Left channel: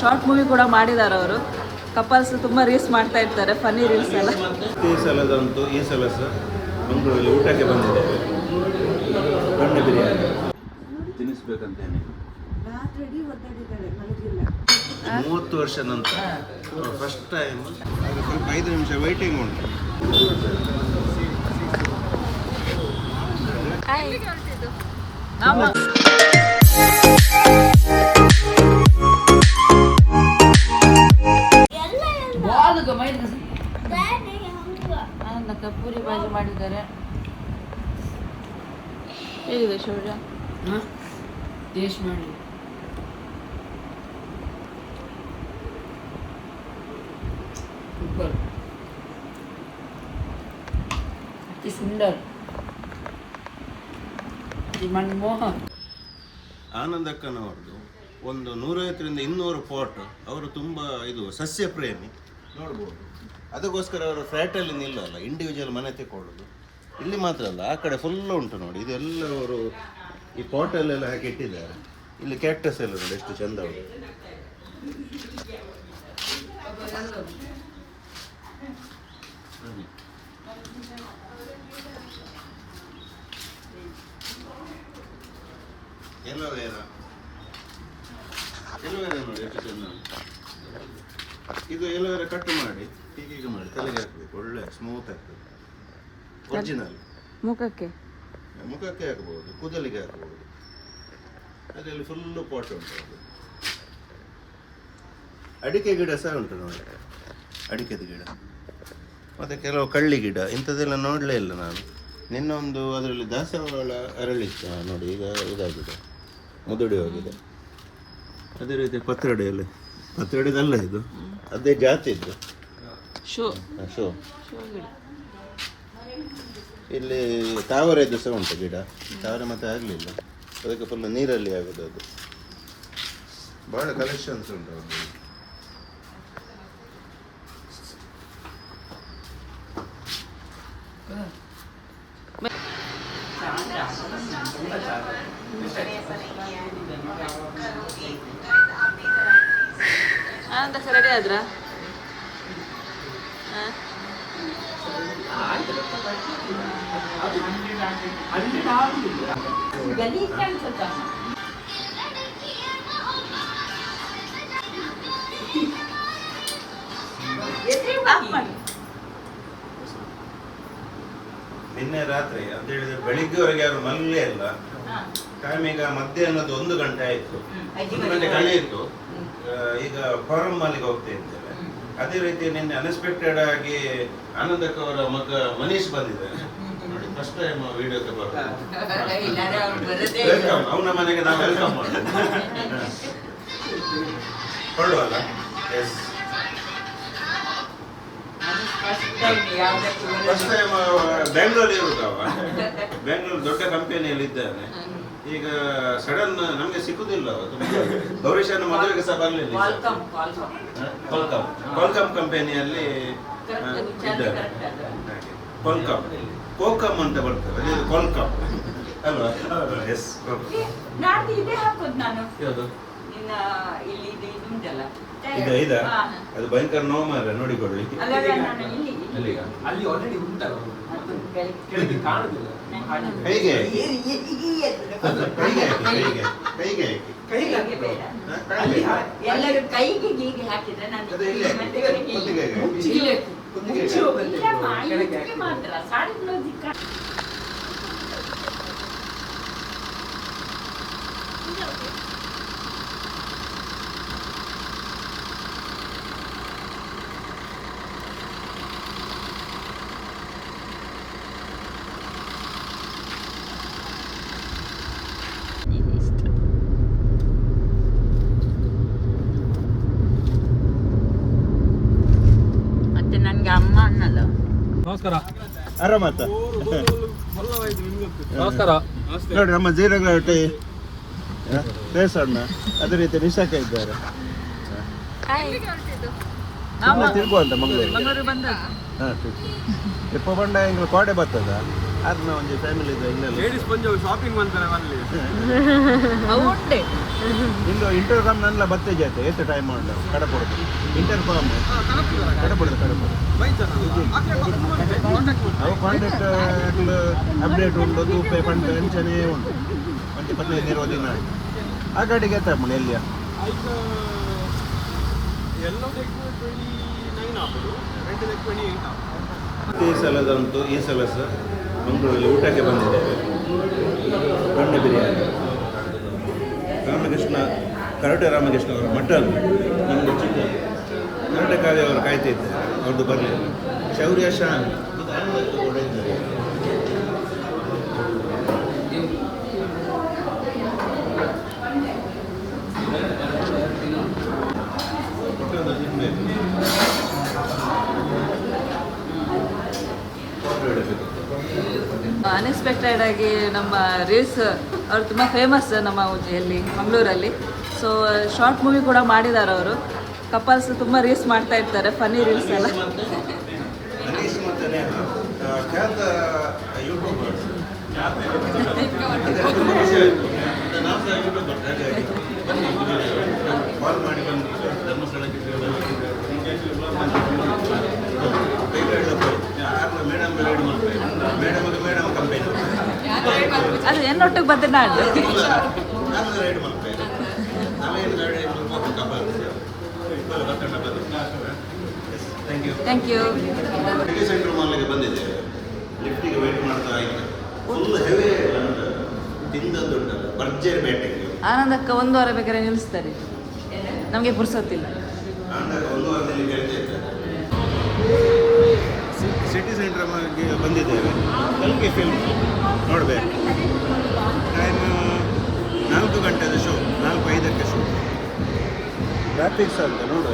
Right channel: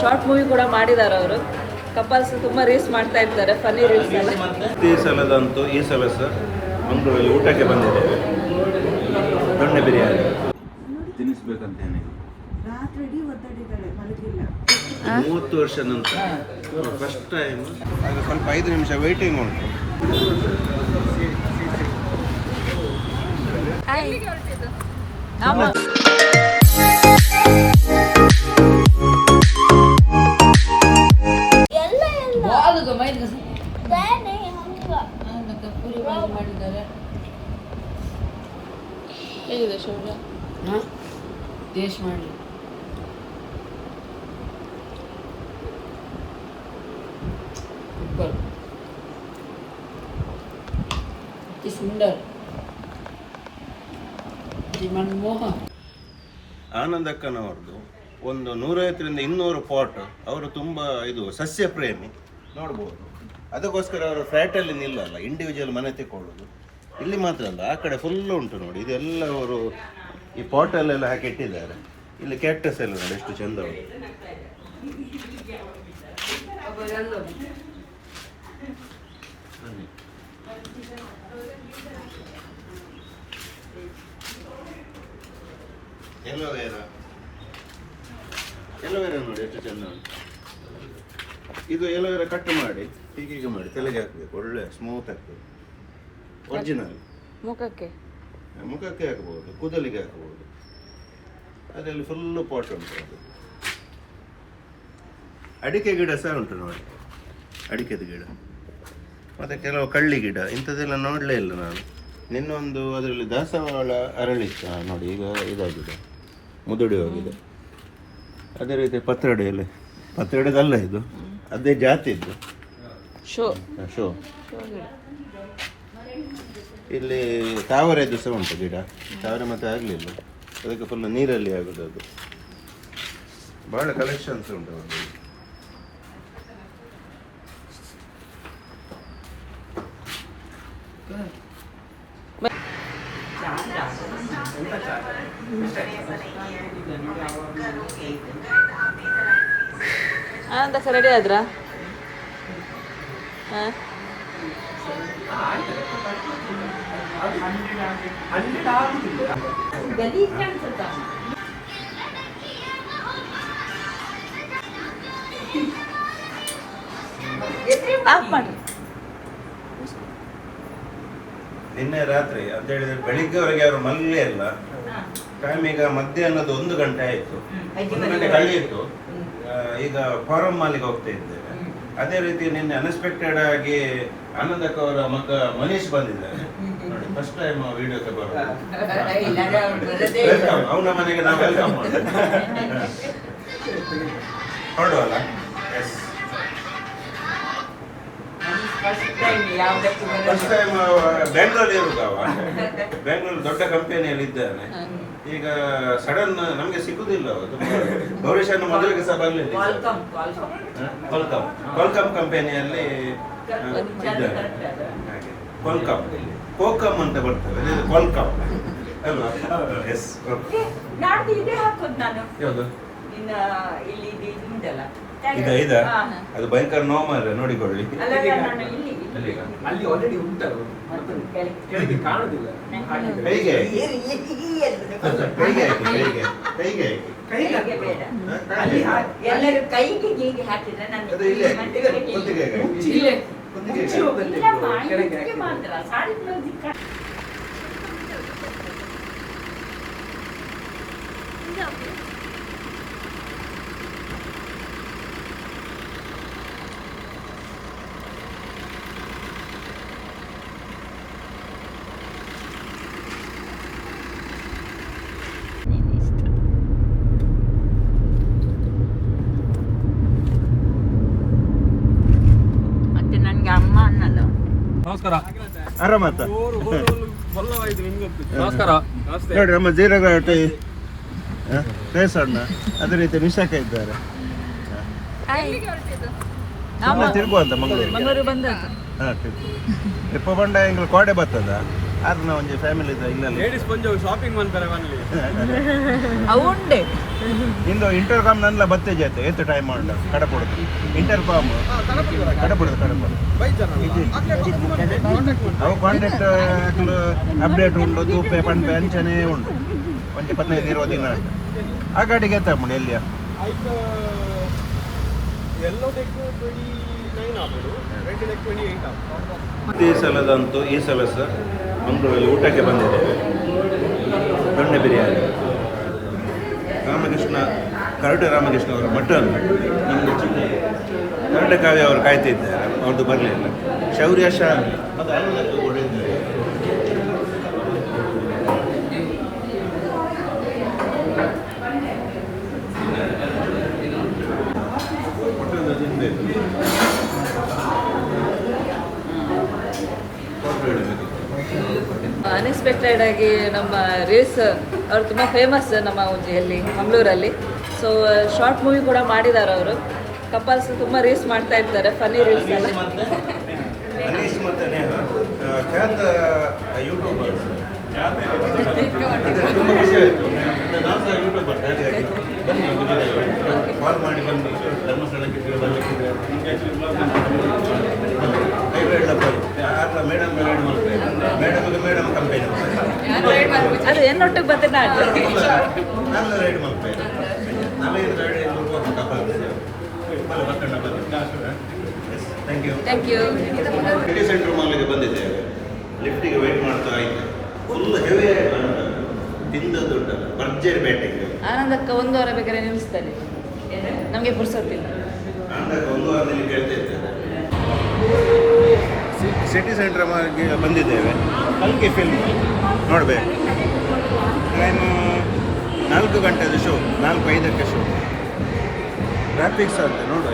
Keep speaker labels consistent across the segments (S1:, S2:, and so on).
S1: Short movie ಕೂಡ ಮಾಡಿದ್ದಾರೆ ಅವರು. ಕಪಲ್ಸ್ ತುಂಬ ರೀಲ್ಸ್ ಮಾಡ್ತಾ ಇರ್ತಾರೆ ಫನಿ ರೀಲ್ಸ್ ಎಲ್ಲ
S2: ಈ ಸಲದಂತೂ ಈ ಸಲ ಸರ್ ಮಂಗಳೂರಲ್ಲಿ ಊಟಕ್ಕೆ ಬಂದಿದ್ದೇವೆ ದೊಡ್ಡ ಬಿರಿಯಾನಿ. ತಿನ್ನಿಸ್ಬೇಕಂತ ಮೂವತ್ತು ವರ್ಷ ನಂತರ. ಫಸ್ಟ್ ಟೈಮ್ ಅದು ಸ್ವಲ್ಪ ಐದು ನಿಮಿಷ ವೈಟಿಂಗ್ ಉಂಟು.
S1: ಆಮ ಪೂರಿ ಬಾಜಿ ಮಾಡಿದ್ದಾರೆ. ಹೇಗಿದೆ ಶೌರ್ಯ?
S3: ಟೇಸ್ಟ್ ಮಾಡಿ. ಸುಂದರ. ಮನಮೋಹ
S2: ಆನಂದಕ್ಕನವರದು ಒಂದು ನೂರೈವತ್ತರಿಂದ ಇನ್ನೂರು ಪಾಟ್ ಅವರು ತುಂಬ ಇದು ಸಸ್ಯ ಪ್ರೇಮಿ ನೋಡ್ಬೋದು. ಅದಕ್ಕೋಸ್ಕರ ಅವರು ಫ್ಲ್ಯಾಟಲ್ಲಿ ನಿಲ್ಲಲ್ಲ ಇಂಡಿವಿಜುವಲ್ ಮನೆ ತೆಕ್ಕೊಳ್ಳೋದು. ಇಲ್ಲಿ ಮಾತ್ರ ಅಲ್ಲ, ಆ ಕಡೆ ಫುಲ್ ಉಂಟು ನೋಡಿ ಇದೆಲ್ಲ ಅವರು ಈ ಪಾಟಲ್ಲೆಲ್ಲ ಹಾಕಿ ಇಟ್ಟಿದ್ದಾರೆ. ಇಲ್ಲಿ ಕ್ಯಾಕ್ಟಸ್ ಎಲ್ಲ ನೋಡಿ, ಎಷ್ಟು ಚಂದ ಉಂಟು. ಬನ್ನಿ. ಎಲ್ಲ ಎಲೋವೇರಾ ನೋಡಿ, ಎಷ್ಟು ಚೆಂದ ಇದು ಎಲೋವೇರಾ ಕಟ್ ಮಾಡಿ ಹೀಗೆ ಮಾಡಿ ತಲೆಗೆ ಹಾಕಬೇಕು. ಒಳ್ಳೆ ಸ್ಮೂತ್ ಆಗ್ತದೆ. ಒರಿಜಿನಲ್
S1: ಮುಖಕ್ಕೆ?
S2: ಮುಖಕ್ಕೆ ಹಾಕಬಹುದು ಕೂದಲಿಗೆ ಹಾಕಬಹುದು ಅದರಲ್ಲಿ ಫುಲ್ಲು ಪಾಟ್ ಉಂಟು ಅದು. ಅಡಿಕೆ ಗಿಡ ಸಹ ಉಂಟು ನೋಡಿ ಅಡಿಕೆದ ಗಿಡ. ಮತ್ತು ಕೆಲವು ಕಳ್ಳಿ ಗಿಡ ಇಂಥದ್ದೆಲ್ಲ ನೋಡಲೇ ಇಲ್ಲ ನಾನು. ನಿನ್ನೊಂದು ಅದರಲ್ಲಿ ದಾಸವಾಳ ಅರಳಿತ್ತು ನೋಡಿ ಈಗ ಇದಾಗಿದೆ. ಮುದುಡಿ ಹೋಗಿದೆ. ಅದೇ ರೀತಿ ಪತ್ರೊಡೆಯಲ್ಲಿ. ಪತ್ರೊಡೆದಲ್ಲ ಇದು? ಅದೇ ಜಾತಿ ಇದ್ದು
S1: ಶೋ.
S2: ಶೋ ಇಲ್ಲಿ ತಾವರೆ ದಿವಸ ಉಂಟು ಗಿಡ. ತಾವರೆ ಮತ್ತೆ ಆಗಲಿಲ್ಲ. ಅದಕ್ಕೆ ಫುಲ್ ನೀರಲ್ಲಿ ಆಗುದು ಅದು. ಭಾಳ ಕಲೆಕ್ಷನ್ಸ್ ಉಂಟು.
S1: ಆನಂದಕ್ಕ ರೆಡಿ ಆದ್ರ? ಹಾಂ? ಆಫ್ ಮಾಡು
S2: ನಿನ್ನೆ ರಾತ್ರಿ ಅಂತ ಹೇಳಿದ್ರೆ ಬೆಳಿಗ್ಗೆವರೆಗೆ ಅವರು ಮಲ್ಲೇ ಇಲ್ಲ. ಟೈಮ್ ಈಗ ಮಧ್ಯಾಹ್ನದ ಒಂದು ಗಂಟೆ ಆಯ್ತು. ಒಂದು ಗಂಟೆ ಕಳೆಯಿತು ಈಗ ಫಾರಂ ಮಾಲಿಗೆ ಹೋಗ್ತಾ ಇದ್ದೇವೆ ಅದೇ ರೀತಿ ನಿನ್ನೆ ಅನ್ಎಕ್ಸ್ಪೆಕ್ಟೆಡ್ ಆಗಿ ಆನಂದಕ್ಕ ಅವರ ಮಗ ಮನೀಶ್ ಬಂದಿದ್ದಾರೆ ನೋಡಿ ಫಸ್ಟ್ ಟೈಮ್ ವಿಡಿಯೋ ವೆಲ್ಕಮ್ ಅವನ ಮನೆಗೆ ನಾವು ವೆಲ್ಕಮ್ ಹೊರಡುವಲ್ಲ ಎಸ್ ಫಸ್ಟ್ ಟೈಮ್ ಬೆಂಗಳೂರಲ್ಲಿ ಇರುದವ ಬೆಂಗಳೂರು ದೊಡ್ಡ ಕಂಪನಿಯಲ್ಲಿ ಇದ್ದಾನೆ. ಈಗ ಸಡನ್ ನಮಗೆ ಸಿಗುದಿಲ್ಲ ಗೌರೀಶನ ಮದುವೆಗೆ ಸಹ ಬರಲಿಲ್ಲ ಕೊಲ್ಕಮ್ ಕೊಲ್ಕಮ್ ಕಂಪನಿಯಲ್ಲಿ ಇದ್ದಾರೆ. ಕೊಲ್ಕಮ್ ಕೋಕಮ್ ಅಂತ ಬರ್ತದೆ. ಅದೇ ಕೊಲ್ಕಮ್ ಅಲ್ವಾ? ಎಸ್
S3: ನಾಡ್ದು ಇದೇ ಹಾಕೋದು ನಾನು.
S2: ಯಾವುದು?
S3: ಇಲ್ಲಿ ಇದು.
S2: ಅದು ಭಯಂಕರ ನೋವು ಮಾರ್ರೆ ನೋಡಿಕೊಳ್ಳಿ.
S3: ನಾನು ಇಲ್ಲಿ
S2: ಅಲ್ಲಿಗ?
S4: ಅಲ್ಲಿ ಆಲ್ರೆಡಿ ಉಂಟಲ್ಲ
S3: ಕೆಳಗೆ.
S4: ಕಾಣುದಿಲ್ಲ
S2: ಕೈಗೆ ಕೈಗೆ ಕೈಗೆ ಕೈಗೆ
S3: ಎಲ್ಲರೂ ಕೈಗೆ ಹೀಗೆ ಹಾಕಿದ್ರೆ ನಾನು
S2: ಅದು ಇಲ್ಲಿ ಹಾಕಿ.
S3: ಮತ್ತೆ ಕೆಳಗೆ
S2: ಕುತ್ತಿಗೆಗೆ ಹಾಕಿ.
S3: ಇಲ್ಲಿ.
S2: ಕುತ್ತಿಗೆಗೆ
S4: ಮುಚ್ಚಿ ಹೋಗುತ್ತೆ.
S3: ಇಲ್ಲಮ್ಮ,
S4: ಕೆಳಗೆ
S3: ಇದಕ್ಕೆ ಮಾತ್ರ ಸಾಡಿ ಬ್ಲೌಸ್ ಇಕ್ಕ- ಮತ್ತೆ ನನ್ಗೆ ಅಮ್ಮ ಅನ್ನಲ್ಲ
S4: ನಮಸ್ಕಾರ ನಮಸ್ತೆ.
S2: ನೋಡಿ ನಮ್ಮ ಜೀರಘಾಟಿ ಕೇಸಣ್ಣ ಅದೇ ರೀತಿ ನಿಶಾಕ ಇದ್ದಾರೆ. ಮಂಗಳೂರು
S1: ಮಂಗಳೂರು ಬಂದ.
S2: ಟ್ರಿಪ್ ಕೊಂಡ ಹಿಂಗೆ ಕೋಡೆ ಬರ್ತದ? ನಾವು ಒಂದು ಫ್ಯಾಮಿಲಿ
S4: ಲೇಡೀಸ್ ಬಂದು ಶಾಪಿಂಗ್ ಮಾಡ್ತಾರೆ ಮನೇಲಿ.
S2: ನಿಂದು ಇಂಟರ್ಕಾಮ್ ನನ್ನ ಆಯ್ತು ಎಷ್ಟು ಟೈಮ್ ಉಂಟು? ಕಡಪು ಇಂಟರ್ಕಾಮ್ ಕಾಂಟ್ಯಾಕ್ಟ್ ಅಪ್ಡೇಟ್ ಉಂಟು ತೂಪೆ ಪಂಪೆ ಅಂಚನೆ ಉಂಟು. ಪಂಚ ಪದ್ಧತಿ ಇರೋದಿಲ್ಲ ಆ ಗಾಡಿಗೆ ಈ ಸಲದಂತೂ ಈ ಸಲ ಸರ್ ಮಂಗಳೂರಲ್ಲಿ ಊಟಕ್ಕೆ ಬಂದಿದ್ದೇವೆ ದೊಣ್ಣೆ ಬಿರಿಯಾನಿ. ರಾಮಕೃಷ್ಣ ಕರಟೆ ರಾಮಕೃಷ್ಣ ಅವರ ಮಟನ್. ನಮಗೆ ಚಿಕ್ಕ ಕರಟೆ ಅವರು ಅವರು ಕಾಯ್ತಿದ್ದಾರೆ. ಅವ್ರದ್ದು ಬರಲಿಲ್ಲ ಶೌರ್ಯ ಶಾ.
S1: ಅನ್ಎಕ್ಸ್ಪೆಕ್ಟೆಡ್ ಆಗಿ ನಮ್ಮ ರೇಸ್ ಅವರು ತುಂಬ ಫೇಮಸ್ ನಮ್ಮ ಉಜಿಯಲ್ಲಿ ಮಂಗಳೂರಲ್ಲಿ. ಸೊ ಶಾರ್ಟ್ ಮೂವಿ ಕೂಡ ಮಾಡಿದ್ದಾರೆ ಅವರು. ಕಪಲ್ಸ್ ತುಂಬ ರೀಲ್ಸ್ ಮಾಡ್ತಾ ಇರ್ತಾರೆ ಫನಿ ರೀಲ್ಸ್ ಎಲ್ಲ.
S2: ಅನೀಸ್ ಮತ್ತೆ ನೇಹ ಆ, ಖ್ಯಾತ ಯೂಟ್ಯೂಬರ್ಸ್ ತುಂಬ ಖುಷಿ ಆಯಿತು ನಾವು ಸಹ ಯೂಟ್ಯೂಬರ್ ಹಾಗಾಗಿ ಬನ್ನಿ ಗುಜರಾತ್ ಕಾಲ್ ಮಾಡಿ ಬನ್ನಿ ಧರ್ಮಸ್ಥಳಕ್ಕೆ ಬರಲಿಕ್ಕೆ ನಿಮಗೆ ಆಯ್ತು madam madam madam madam campaign
S1: ಅದು ಏನೊಟ್ಟಿಗೆ ಬಂದ ನಾಡು
S2: ನಾನು ರೈಡ್ ಮಾಡ್ತೇನೆ ನಾವೇನು ride couple thank you centre ಮಾಲ್ಗೆ ಬಂದಿದ್ದೇವೆ. ಲಿಫ್ಟಿಗೆ ವೆಯ್ಟ್ ಮಾಡ್ತಾ ಇದ್ದೆ. ಫುಲ್ ಹೆವಿ ತಿಂದ ಉಂಟಲ್ಲ ಭರ್ಜರಿ ಬ್ಯಾಟಿಂಗ್
S1: ಆನಂದಕ್ಕೆ ಒಂದು ವಾರ ಬೇಕಾದ್ರೆ ನಿಲ್ಲಿಸ್ತಾರೆ. ನಮಗೆ ಪುರ್ಸೊತ್ತಿಲ್ಲ
S2: ಆನಂದಕ್ಕ ಒಂದು ವಾರದಲ್ಲಿ ಕೇಳ್ತಾ ಇದ್ದಾರೆ ಸಿಟಿ ಸೆಂಟರ್ ಮಾಲ್ಗೆ ಬಂದಿದ್ದೇವೆ. ಅಲ್ಲಿಗೆ ಫಿಲ್ಮ್ ನೋಡಬೇಕು. ಟೈಮ್ ನಾಲ್ಕು ಗಂಟೆದ ಶೋ ನಾಲ್ಕು ಐದಕ್ಕೆ ಶೋ ಟ್ರಾಫಿಕ್ ಸರ್ ನೋಡು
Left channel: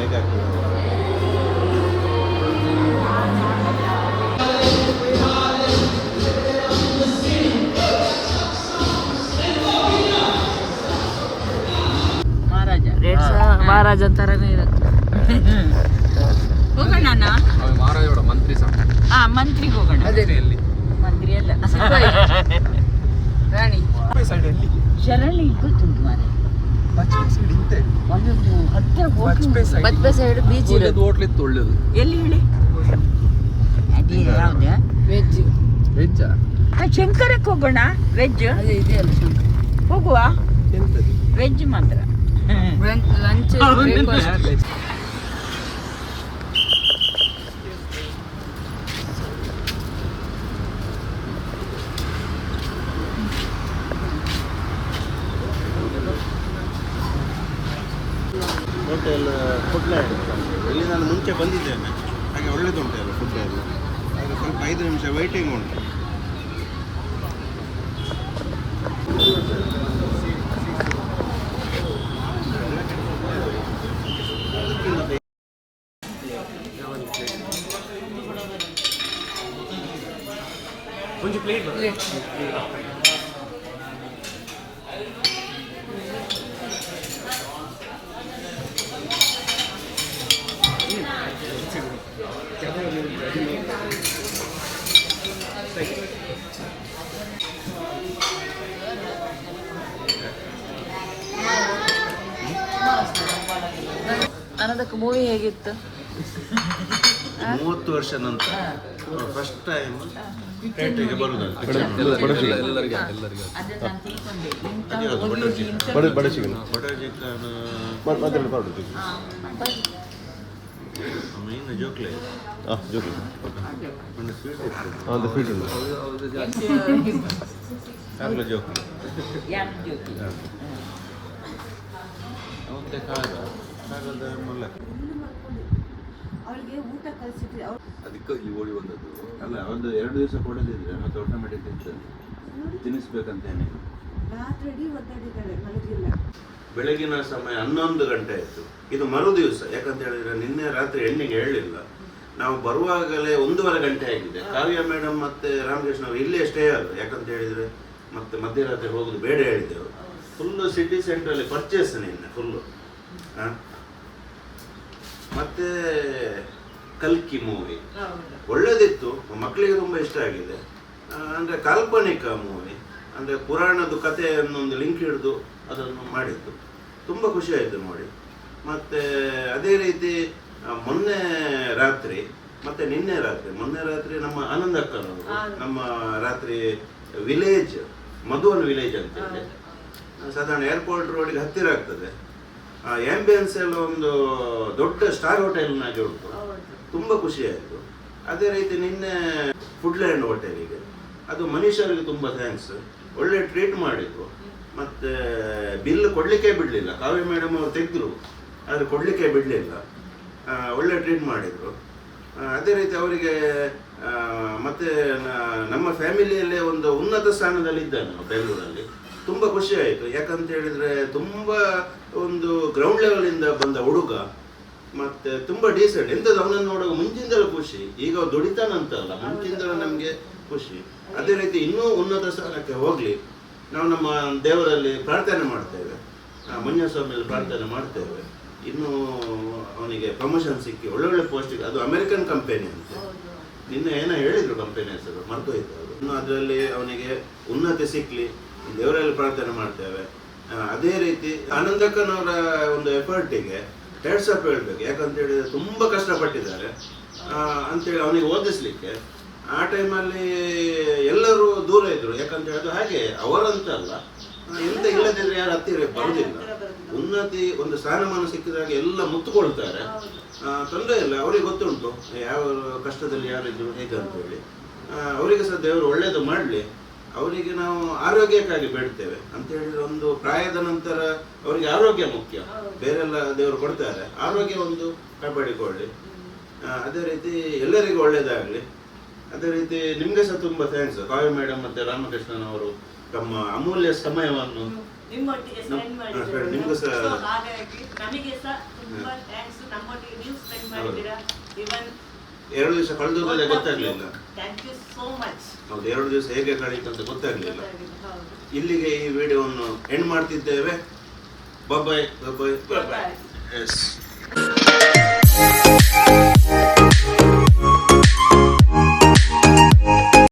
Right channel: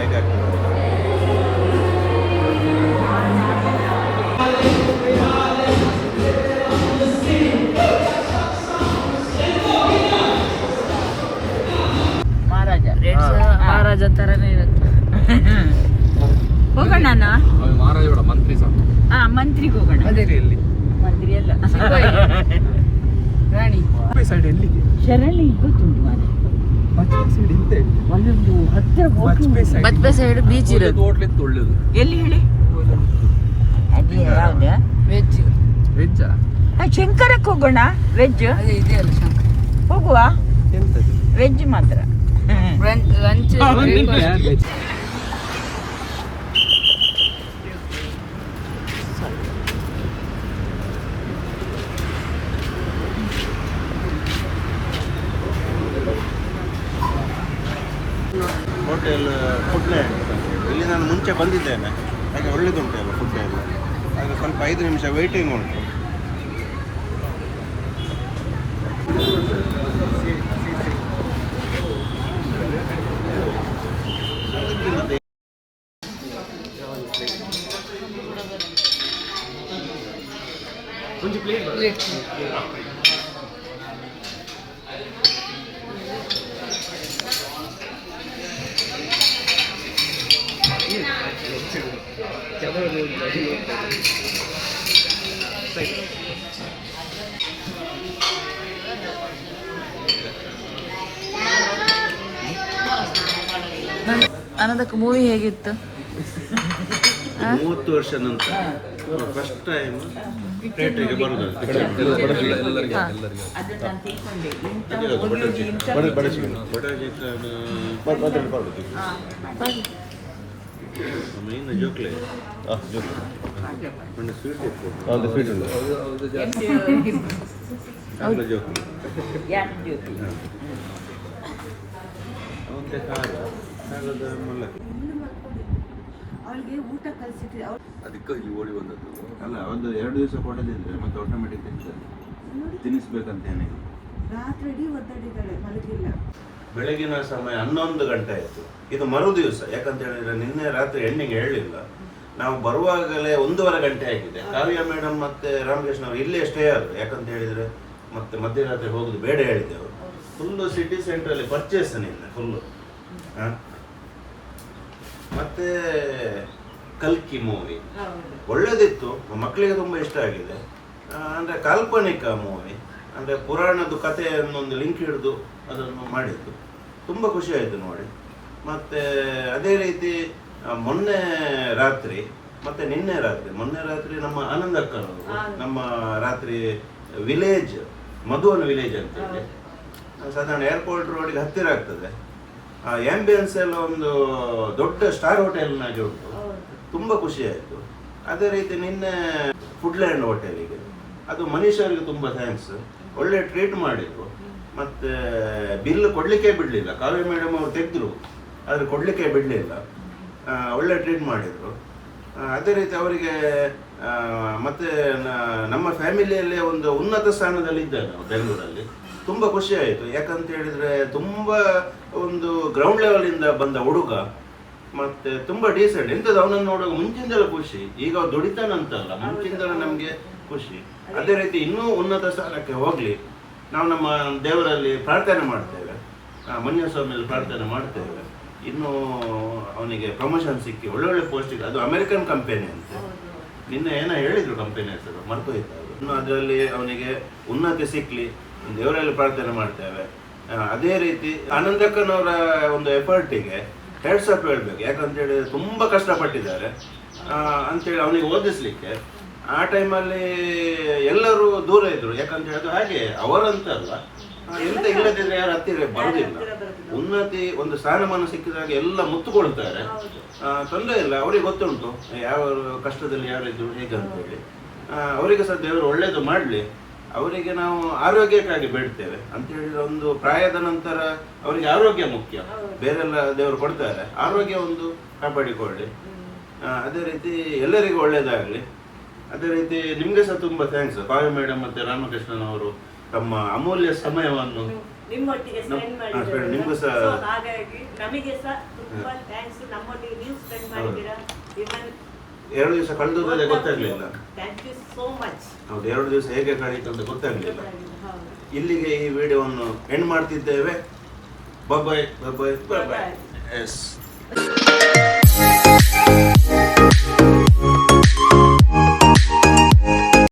S3: ಮಹಾರಾಜ
S1: ಥರನೇ ಇರುತ್ತೆ.
S3: ಹೋಗೋಣ ಅಣ್ಣ?
S4: ಮಹಾರಾಜೋಡ ಮಂತ್ರಿ ಸಹ.
S3: ಆ ಮಂತ್ರಿಗೆ ಹೋಗೋಣ.
S4: ಮಂತ್ರಿಯಲ್ಲಿ.
S3: ಮಂತ್ರಿ ಅಲ್ಲ
S4: ಸೈಡ್ ಎಲ್ಲಿಗೆ
S3: ಶರಣಿ ಗೊತ್ತುಂಟು
S4: ಇತ್ತು ಒಳ್ಳೇದು.
S3: ಎಲ್ಲಿ ಹೇಳಿ? ಅದೇ ಯಾವ್ದು?
S4: ವೆಜ್.
S3: ಆ, ಶಂಕರಕ್ಕೆ ಹೋಗೋಣ. ವೆಜ್? ಹೋಗುವ. ವೆಜ್ ಮಾತ್ರ.
S2: ಇಲ್ಲಿ ನಾನು ಮುಂಚೆ ಬಂದಿದ್ದೇನೆ ಹಾಗೆ ಒಳ್ಳೇದುಂಟು ಎಲ್ಲ ಫುಡ್ ಎಲ್ಲ ಹಾಗೆ ಸ್ವಲ್ಪ ಐದು ನಿಮಿಷ ವೆಯ್ಟಿಂಗ್ ಉಂಟು
S1: ಆನಂದಕ್ಕೆ ಮೂವಿ ಹೇಗಿತ್ತು
S2: ಮೂವತ್ತು ವರ್ಷ ನಂತರ ಫಸ್ಟ್ ಟೈಮ್ ಥಿಯೇಟ್ರಿಗೆ ಬರೋದು
S3: ಅದು ನಾನು ತಿಳ್ಕೊಂಡೆ ಇಂಥ ಹೋಗಿ ಇಂಥ
S2: ಬಟರ್ ಬಟರ್ ಚಿಕನ್
S3: ಹಾ,
S2: ಮೀನು ಜೋಕ್ಲೆ ಒಂದು ಸ್ವೀಟ್ ಇತ್ತು. ಆಮೇಲೆ ಮತ್ತೆ ಖಾರ ಖಾರದ ಮೂಲಕ
S5: ಅದಕ್ಕೆ ಇಲ್ಲಿ ಓಡಿ ಬಂದದ್ದು.
S2: ಅಲ್ಲ ಒಂದು ಎರಡು ದಿವಸ ಕೊಡದಿದ್ರೆ ಮತ್ತೆ ಆಟೋಮೆಟಿಕ್ ತಿನ್ನಿಸ್ಬೇಕಂತ ಏನಿಲ್ಲ ಬೆಳಗಿನ ಸಮಯ ಹನ್ನೊಂದು ಗಂಟೆ ಆಯಿತು. ಇದು ಮರು ದಿವಸ ಯಾಕಂತ ಹೇಳಿದ್ರೆ ನಿನ್ನೆ ರಾತ್ರಿ ಎಣ್ಣೆಗೆ ಹೇಳಲಿಲ್ಲ ನಾವು ಬರುವಾಗಲೇ ಒಂದೂವರೆ ಗಂಟೆ ಆಗಿದೆ. ಕಾವ್ಯ ಮೇಡಮ್ ಮತ್ತೆ ರಾಮಕೃಷ್ಣ ಅವರು ಇಲ್ಲಿ ಅಷ್ಟೇ ಅಲ್ಲ ಯಾಕಂತ ಹೇಳಿದ್ರೆ ಮತ್ತೆ ಮಧ್ಯರಾತ್ರಿ ಹೋಗುದು ಬೇಡ ಹೇಳಿದ್ದೆವು ಫುಲ್ಲು ಸಿಟಿ ಸೆಂಟ್ರಲ್ಲಿ ಪರ್ಚೇಸ್ ನಿನ್ನೆ ಫುಲ್ಲು ಮತ್ತೆ ಕಲ್ಕಿ ಮೂವಿ ಒಳ್ಳೇದಿತ್ತು ಮಕ್ಕಳಿಗೆ ತುಂಬ ಇಷ್ಟ ಆಗಿದೆ. ಅಂದ್ರೆ ಕಾಲ್ಪನಿಕ ಮೂವಿ ಅಂದ್ರೆ ಪುರಾಣದ ಕಥೆಯನ್ನೊಂದು ಲಿಂಕ್ ಹಿಡಿದು ಅದನ್ನು ಮಾಡಿದ್ದು. ತುಂಬ ಖುಷಿ ಆಯಿತು ನೋಡಿ. ಮತ್ತು ಅದೇ ರೀತಿ ಮೊನ್ನೆ ರಾತ್ರಿ ಮತ್ತೆ ನಿನ್ನೆ ರಾತ್ರಿ ಮೊನ್ನೆ ರಾತ್ರಿ ನಮ್ಮ ಆನಂದ. ಅಕ್ಕನವರು ನಮ್ಮ ರಾತ್ರಿ ವಿಲೇಜ್ ಮಧುವನ್ ವಿಲೇಜ್ ಅಂತ ಹೇಳಿ ಸಾಧಾರಣ ಏರ್ಪೋರ್ಟ್ ರೋಡಿಗೆ ಹತ್ತಿರ ಆಗ್ತದೆ. ಆ ಆ್ಯಂಬಿಯನ್ಸ್ ಎಲ್ಲ ಒಂದು ದೊಡ್ಡ ಸ್ಟಾರ್ ಹೋಟೆಲ್ನಾಗೆ ಉಂಟು. ತುಂಬ ಖುಷಿ ಆಯಿತು. ಅದೇ ರೀತಿ ನಿನ್ನೆ ಫುಡ್ಲ್ಯಾಂಡ್ ಹೋಟೆಲಿಗೆ ಅದು ಮನೀಶ್ ಅವರಿಗೆ ತುಂಬ ಥ್ಯಾಂಕ್ಸ್ ಒಳ್ಳೆ ಟ್ರೀಟ್ ಮಾಡಿದ್ರು. ಮತ್ತೆ ಬಿಲ್ ಕೊಡಲಿಕ್ಕೆ ಬಿಡಲಿಲ್ಲ. ಕಾವ್ಯ ಮೇಡಮ್ ಅವರು ತೆಗೆದ್ರು, ಆದರೆ ಕೊಡಲಿಕ್ಕೆ ಬಿಡಲಿಲ್ಲ. ಒಳ್ಳೆ ಟ್ರೀಟ್ ಮಾಡಿದ್ರು. ಅದೇ ರೀತಿ ಅವರಿಗೆ ಮತ್ತು ನಮ್ಮ ಫ್ಯಾಮಿಲಿಯಲ್ಲೇ ಒಂದು ಉನ್ನತ ಸ್ಥಾನದಲ್ಲಿ ಇದ್ದಾನೆ ಅವ್ನು ಬೆಂಗಳೂರಲ್ಲಿ. ತುಂಬ ಖುಷಿ ಆಯಿತು. ಯಾಕಂತ ಹೇಳಿದ್ರೆ ತುಂಬ ಒಂದು ಗ್ರೌಂಡ್ ಲೆವೆಲಿಂದ ಬಂದ ಹುಡುಗ, ಮತ್ತೆ ತುಂಬ ಡೀಸೆಂಟ್ ಎಂಥದ್ದು ಅವನನ್ನು ನೋಡುವಾಗ ಮುಂಚಿಂದಲೂ ಖುಷಿ. ಈಗ ದುಡಿತಾನಂತಲ್ಲ, ಮುಂಚಿಂದಲೂ ನಮಗೆ ಖುಷಿ. ಅದೇ ರೀತಿ ಇನ್ನೂ ಉನ್ನತ ಸ್ಥಾನಕ್ಕೆ ಹೋಗ್ಲಿ. ನಾವು ನಮ್ಮ ದೇವರಲ್ಲಿ ಪ್ರಾರ್ಥನೆ ಮಾಡ್ತೇವೆ. ಮಂಜು ಸ್ವಾಮಿಯಲ್ಲಿ ಪ್ರಾರ್ಥನೆ ಮಾಡ್ತೇವೆ. ಇನ್ನು ಅವನಿಗೆ ಪ್ರಮೋಷನ್ ಸಿಕ್ಕಿ ಒಳ್ಳೊಳ್ಳೆ ಪೋಸ್ಟಿಗೆ ಅದು ಅಮೆರಿಕನ್ ಕಂಪೆನಿ ಅಂತ. ನಿನ್ನೆ ಏನೋ ಹೇಳಿದ್ರು ಕಂಪೆನಿ ಹೆಸರು ಮರ್ತೋಯ್ತು ಇನ್ನು ಅದರಲ್ಲಿ ಅವನಿಗೆ ಉನ್ನತಿ ಸಿಕ್ಕಲಿ ದೇವರಲ್ಲಿ ಪ್ರಾರ್ಥನೆ ಮಾಡ್ತೇವೆ. ಅದೇ ರೀತಿ ಆನಂದಕ್ಕನವರ ಒಂದು ಎಫರ್ಟಿಗೆ ಹೆಡ್ಸಪ್ ಹೇಳಬೇಕು ಹೇಳ್ಬೇಕು. ಯಾಕಂತ ತುಂಬ ಕಷ್ಟಪಟ್ಟಿದ್ದಾರೆ. ಅಂತೇಳಿ ಅವನಿಗೆ ಓದಿಸ್ಲಿಕ್ಕೆ ಆ ಟೈಮಲ್ಲಿ ಎಲ್ಲರೂ ದೂರ ಇದ್ರು. ಯಾಕಂತ ಹೇಳಿದ್ರು ಹಾಗೆ ಅವರಂತ ಅಲ್ಲ ಎಂತ ಇಲ್ಲದಿದ್ರೆ ಯಾರು ಹತ್ತಿರ ಬರುದಿಲ್ಲ. ಉನ್ನತಿ ಒಂದು ಸ್ಥಾನಮಾನ ಸಿಕ್ಕಿದಾಗ ಎಲ್ಲ ಮುತ್ತುಕೊಳ್ತಾರೆ ತೊಂದರೆ ಇಲ್ಲ. ಅವರಿಗೆ ಗೊತ್ತುಂಟು ಯಾವ ಕಷ್ಟದಲ್ಲಿ ಯಾರಿದ್ರು ಇದ್ರು ಅಂತೇಳಿ ಆ, ಅವರಿಗೆ ಸಹ ದೇವರು ಒಳ್ಳೇದು ಮಾಡಲಿ. ಅವರಿಗೆ ನಾವು ಆರೋಗ್ಯಕ್ಕಾಗಿ ಬೇಡ್ತೇವೆ. ಅಂತ ಹೇಳಿದ್ರೆ ಒಂದು ಪ್ರಾಯದ ನಂತರ ಅವರಿಗೆ ಆರೋಗ್ಯ ಮುಖ್ಯ. ಬೇರೆಲ್ಲ ದೇವರು ಕೊಡ್ತಾರೆ. ಆರೋಗ್ಯ ಒಂದು ಕಾಪಾಡಿಕೊಳ್ಳಿ. ಅದೇ ರೀತಿ ಎಲ್ಲರಿಗೂ ಒಳ್ಳೇದಾಗಲಿ. ಅದೇ ರೀತಿ ನಿಮ್ಗೆ ಸಹ ತುಂಬಾ ಥ್ಯಾಂಕ್ಸ್ ಕಾವ್ಯ ಮೇಡಮ್ ಮತ್ತೆ ರಾಮಕೃಷ್ಣನ್ ಅವರು ತಮ್ಮ ಅಮೂಲ್ಯ ಸಮಯವನ್ನು
S6: ನಿಮ್ಮೊಟ್ಟಿಗೆ ಸ್ಪೆಂಡ್ ಮಾಡಿದ್ದಾರೆ
S2: ಸಹ-
S6: So, ಹಾಗಾಗಿ ನಮಗೆ ಸಹ ತುಂಬಾ ಥ್ಯಾಂಕ್ಸ್ ನಮ್ಮೊಟ್ಟಿಗೆ ನೀವು ಸ್ಪೆಂಡ್ ಮಾಡಿದ್ದೀರಾ? ಇವನ್
S2: ಎರಡು ದಿವಸ ಕಳೆದೋದಲ್ಲೇ ಗೊತ್ತಾಗ್ಲಿಲ್ಲ.
S6: ಥ್ಯಾಂಕ್ ಯು ಸೋ ಮಚ್
S2: ಹೌದು ಎರಡು ದಿವಸ ಹೇಗೆ ಕಳೀತು ಅಂತ ಗೊತ್ತಾಗ್ಲಿಲ್ಲ. ಇಲ್ಲಿಗೆ ಈ ವಿಡಿಯೋವನ್ನು ಎಂಡ್ ಮಾಡ್ತಿದ್ದೇವೆ. ಬಾಯ್ ಬಾಯ್ ಬಾಯ್ ಬಾಯ್ ಎಸ್